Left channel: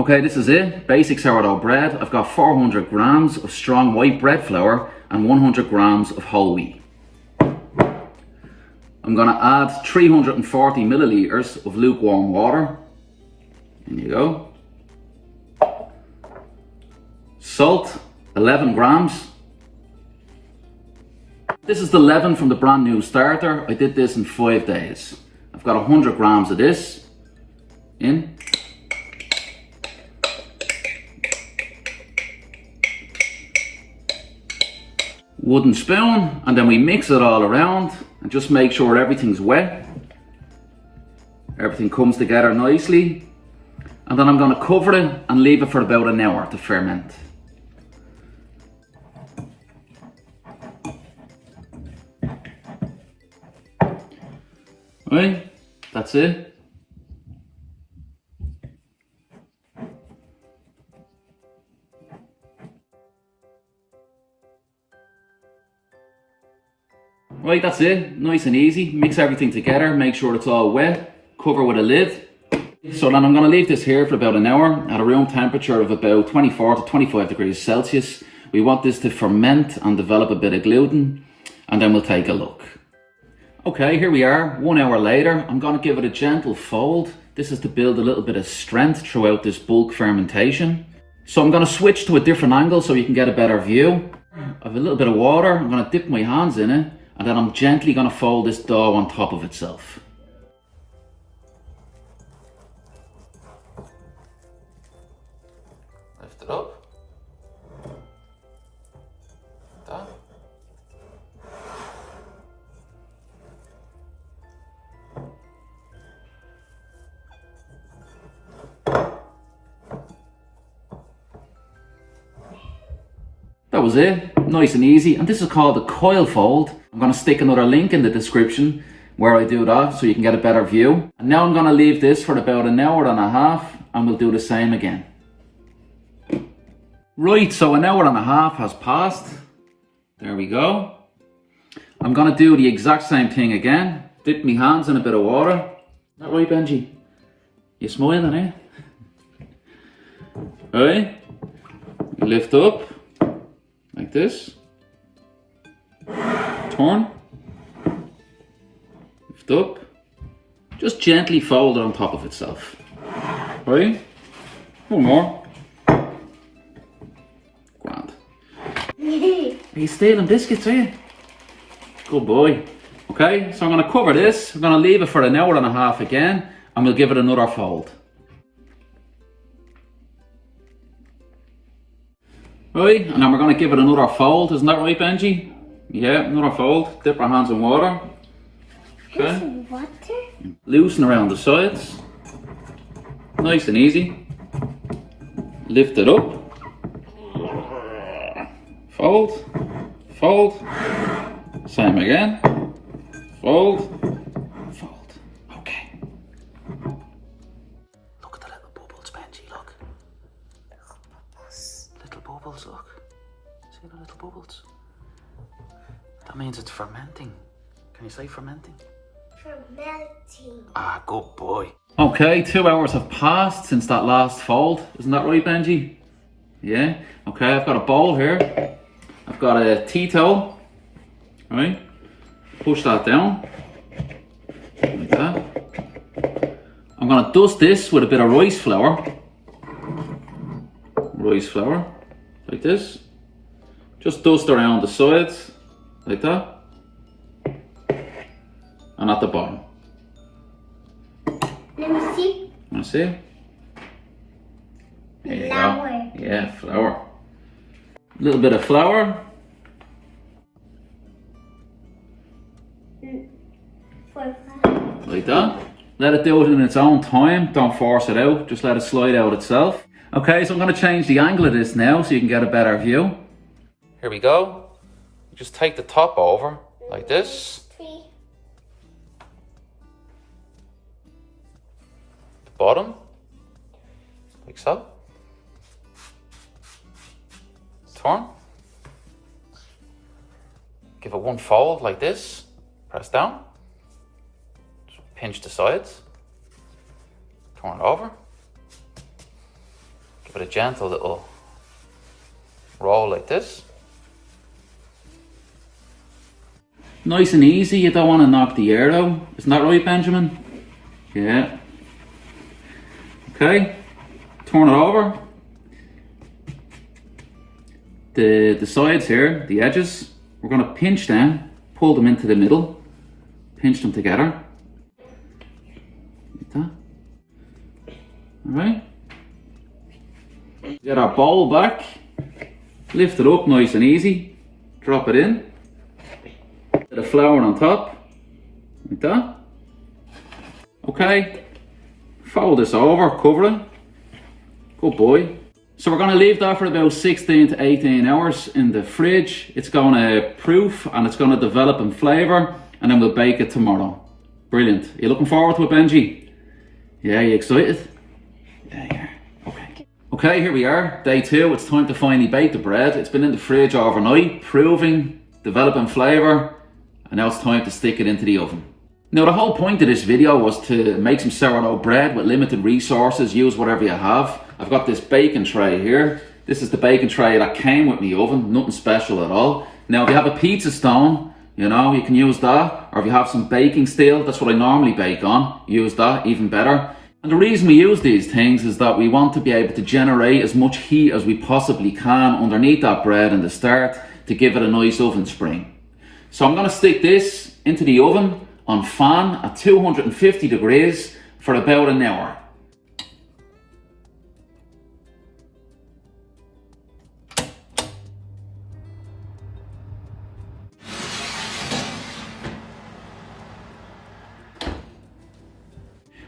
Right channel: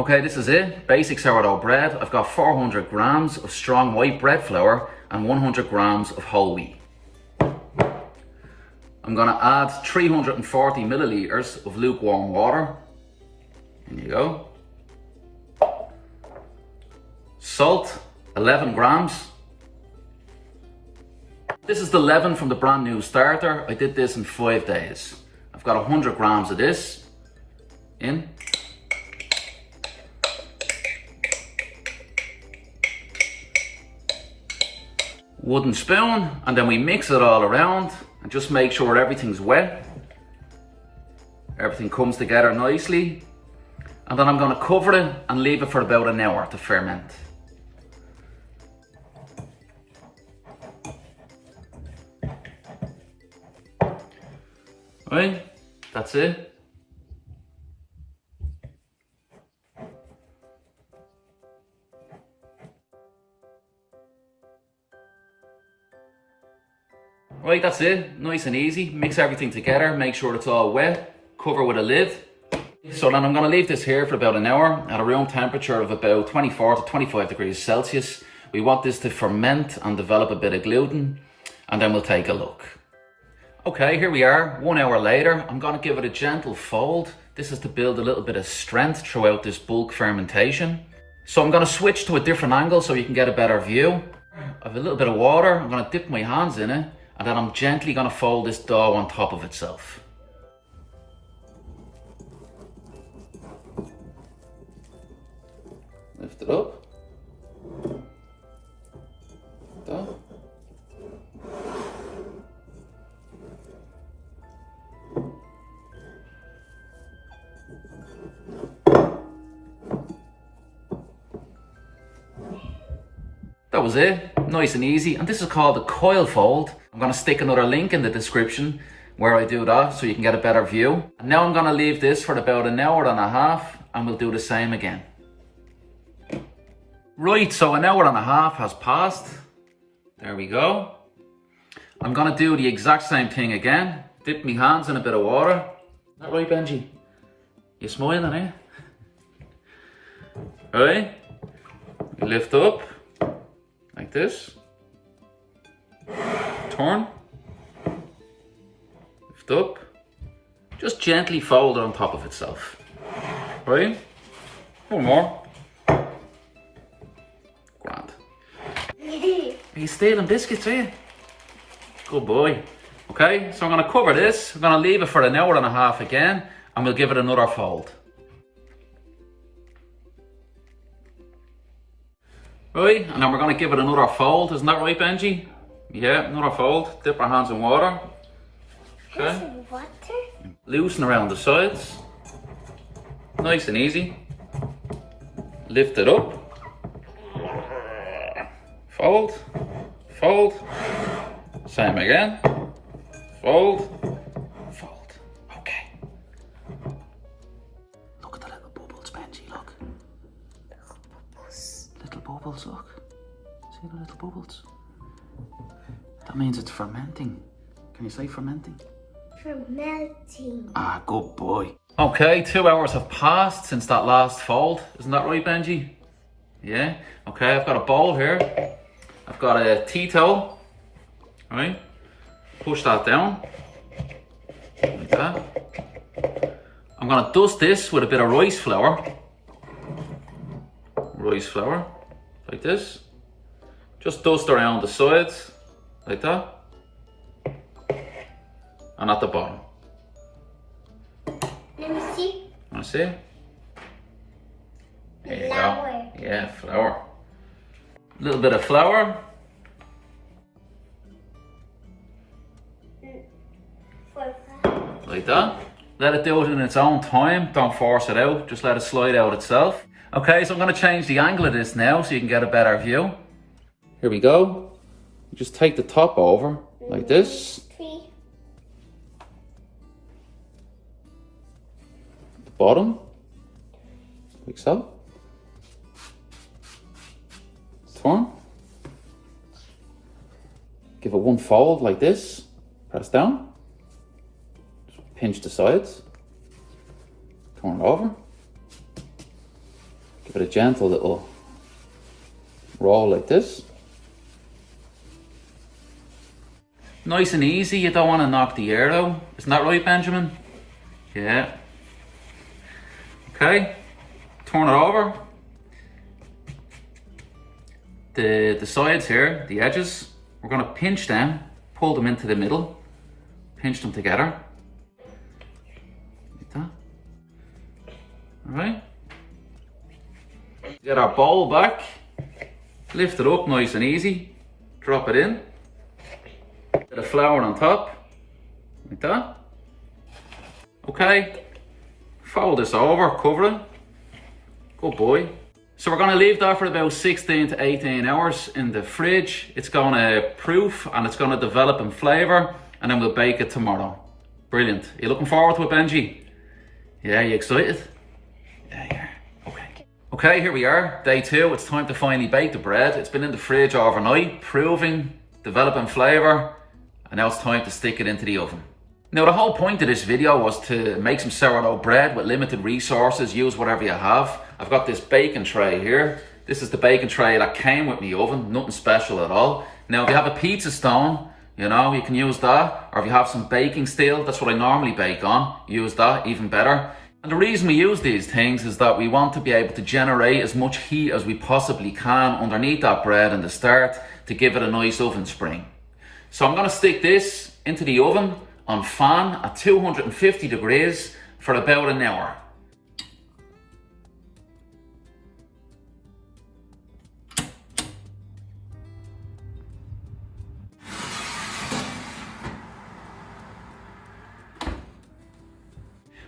Okay, this is it. Basic sourdough bread. I've got 400 grams of strong white bread flour and 100 grams of whole wheat. I'm gonna add 340 milliliters of lukewarm water. There you go. Salt, 11 grams. This is the leaven from the brand new starter. I did this in 5 days. I've got 100 grams of this in. Wooden spoon, and then we mix it all around and just make sure everything's wet. Everything comes together nicely. And then I'm going to cover it and leave it for about an hour to ferment. Right, that's it. Right, that's it. Nice and easy. Mix everything together, make sure it's all wet, cover with a lid. So then I'm going to leave this here for about an hour at a room temperature of about 24 to 25 degrees Celsius. We want this to ferment and develop a bit of gluten, and then we'll take a look. Okay, here we are, 1 hour later. I'm going to give it a gentle fold. This is to build a little bit of strength throughout this bulk fermentation. So I'm going to switch to a different angle so you can get a better view. I have a little bit of water. I'm going to dip my hands in it, and then I'm gently going to fold this dough on top of itself. Lift it up. Like that. That was it, nice and easy. And this is called a coil fold. I'm going to stick another link in the description where I do that so you can get a better view. And now I'm going to leave this for about an hour and a half and we'll do the same again. Right, so an hour and a half has passed. There we go. I'm going to do the exact same thing again. Dip my hands in a bit of water. Is that right, Benji? You smiling, eh? Right, lift up. Like this. Turn. Lift up. Just gently fold it on top of itself. Right? One more. Grand. Are you stealing biscuits, are you? Good boy. Okay, so I'm going to cover this. I'm going to leave it for an hour and a half again, and we'll give it another fold. Right, and then we're going to give it another fold. Isn't that right, Benji? Yeah, another fold. Dip our hands in water. Okay. Water? Loosen around the sides. Nice and easy. Lift it up. Fold. Fold. Same again. Fold. Fold. Okay. Look at the little bubbles, Benji, look. Little bubbles, look. See the little bubbles? That means it's fermenting. Can you say fermenting? Fermenting. Ah, good boy. Okay, 2 hours have passed since that last fold. Isn't that right, Benji? Yeah? Okay, I've got a bowl here. I've got a tea towel. Right? Push that down. Like that. I'm going to dust this with a bit of rice flour. Rice flour. Like this. Just dust around the sides. Like that. And at the bottom. Let me see. Want to see? There you Flour. go. Yeah, flour. A little bit of flour. Like that. Let it do it in its own time. Don't force it out. Just let it slide out itself. Okay, so I'm going to change the angle of this now so you can get a better view. Here we go. Just take the top over like this. The bottom. Like so. Turn. Give it one fold like this. Press down. Just pinch the sides. Turn it over. Give it a gentle little roll like this. Nice and easy, you don't want to knock the air out. Isn't that right, Benjamin? Yeah. Okay, turn it over. The sides here, the edges, we're going to pinch them, pull them into the middle, pinch them together. Like that. Alright. Get our bowl back, lift it up nice and easy, drop it in. Bit of flour on top, like that. Okay, fold this over, cover it. Good boy. So we're going to leave that for about 16 to 18 hours in the fridge. It's going to proof and it's going to develop in flavour, and then we'll bake it tomorrow. Brilliant. Are you looking forward to it, Benji? Yeah, you excited? Yeah. Okay, here we are, day 2. It's time to finally bake the bread. It's been in the fridge overnight, proving, developing flavour, and now it's time to stick it into the oven. Now the whole point of this video was to make some sourdough bread with limited resources. Use whatever you have. I've got this baking tray here. This is the baking tray that came with my oven, nothing special at all. Now if you have a pizza stone, you know, you can use that. Or if you have some baking steel, that's what I normally bake on, use that, even better. And the reason we use these things is that we want to be able to generate as much heat as we possibly can underneath that bread in the start to give it a nice oven spring. So I'm going to stick this into the oven on fan at 250 degrees for about an hour.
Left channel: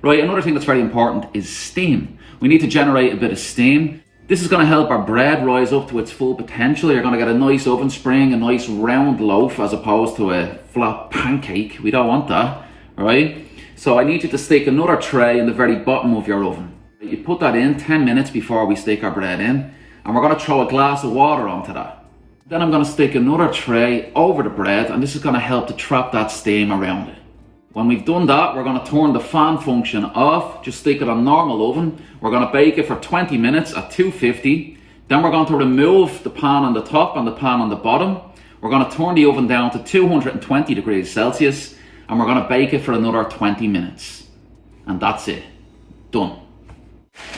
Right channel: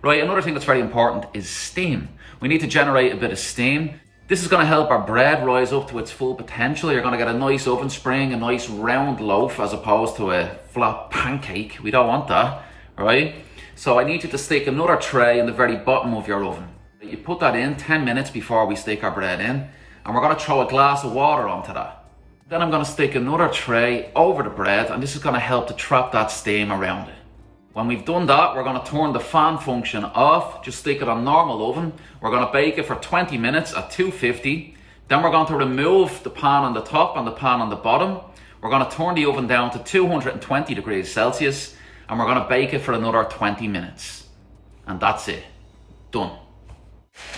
Right, another thing that's very important is steam. We need to generate a bit of steam. This is going to help our bread rise up to its full potential. You're going to get a nice oven spring, a nice round loaf as opposed to a flat pancake. We don't want that, right? So I need you to stick another tray in the very bottom of your oven. You put that in 10 minutes before we stick our bread in, and we're going to throw a glass of water onto that. Then I'm going to stick another tray over the bread, and this is going to help to trap that steam around it. When we've done that, we're going to turn the fan function off, just stick it on normal oven. We're going to bake it for 20 minutes at 250. Then we're going to remove the pan on the top and the pan on the bottom. We're going to turn the oven down to 220 degrees Celsius, and we're going to bake it for another 20 minutes. And that's it. Done.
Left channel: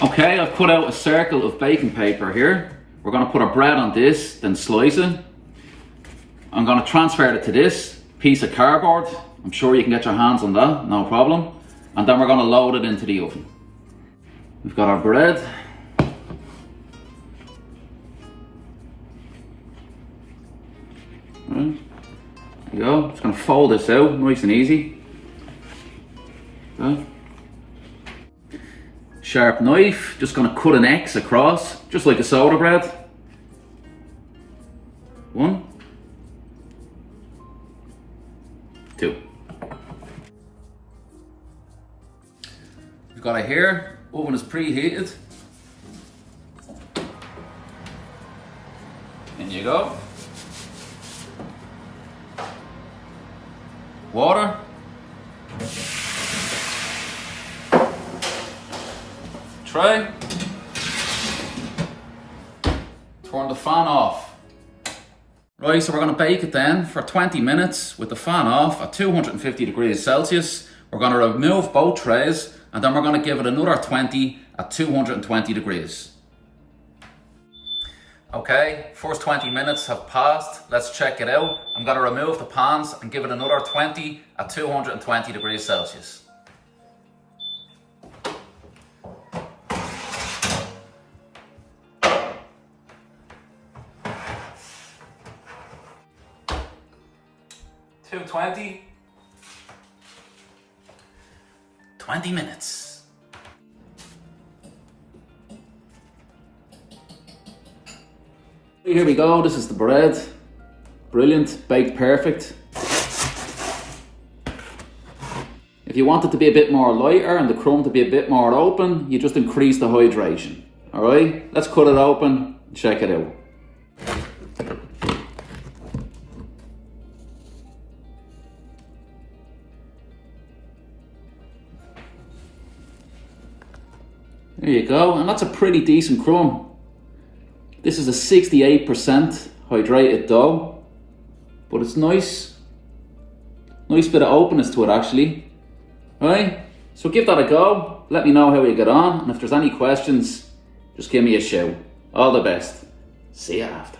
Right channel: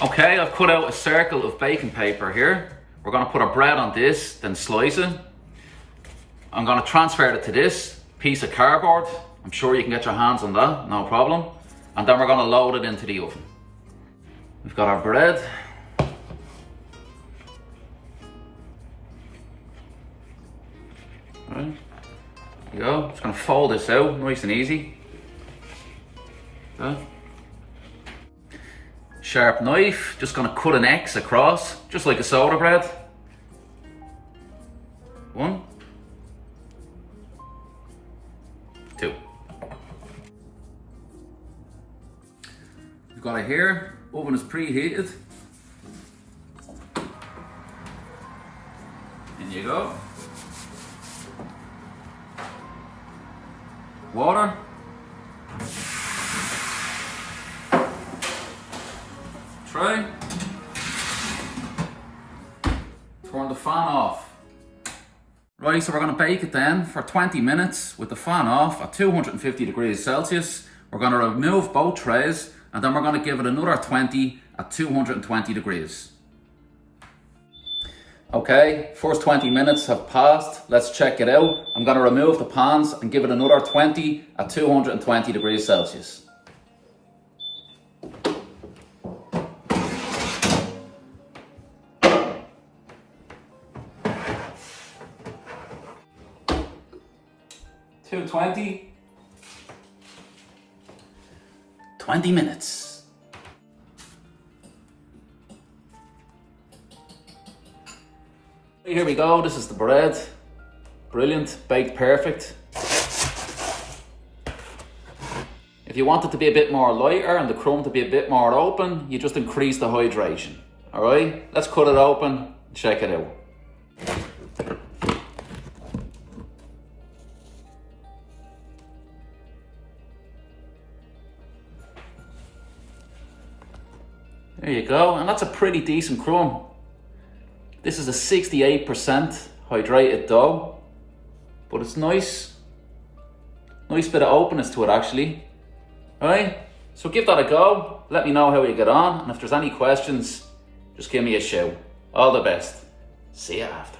Okay, I've cut out a circle of baking paper here. We're going to put our bread on this, then slice it. I'm going to transfer it to this piece of cardboard. I'm sure you can get your hands on that, no problem. And then we're going to load it into the oven. We've got our bread. Right. There you go. Just going to fold this out, nice and easy. Okay. Sharp knife, just going to cut an X across, just like a soda bread. 1, 2. We've got it here, oven is preheated. In you go. Water. Tray. Turn the fan off. Right, so we're going to bake it then for 20 minutes with the fan off at 250 degrees Celsius. We're going to remove both trays, and then we're going to give it another 20 at 220 degrees. Okay, first 20 minutes have passed. Let's check it out. I'm going to remove the pans and give it another 20 at 220 degrees Celsius. $220. 20 minutes. Here we go, this is the bread. Brilliant, baked perfect. If you want it to be a bit more lighter and the crumb to be a bit more open, you just increase the hydration. Alright, let's cut it open and check it out. There you go, and that's a pretty decent crumb. This is a 68% hydrated dough, but it's nice. Nice bit of openness to it actually. Right, so give that a go. Let me know how you get on, and if there's any questions, just give me a shout. All the best. See you after.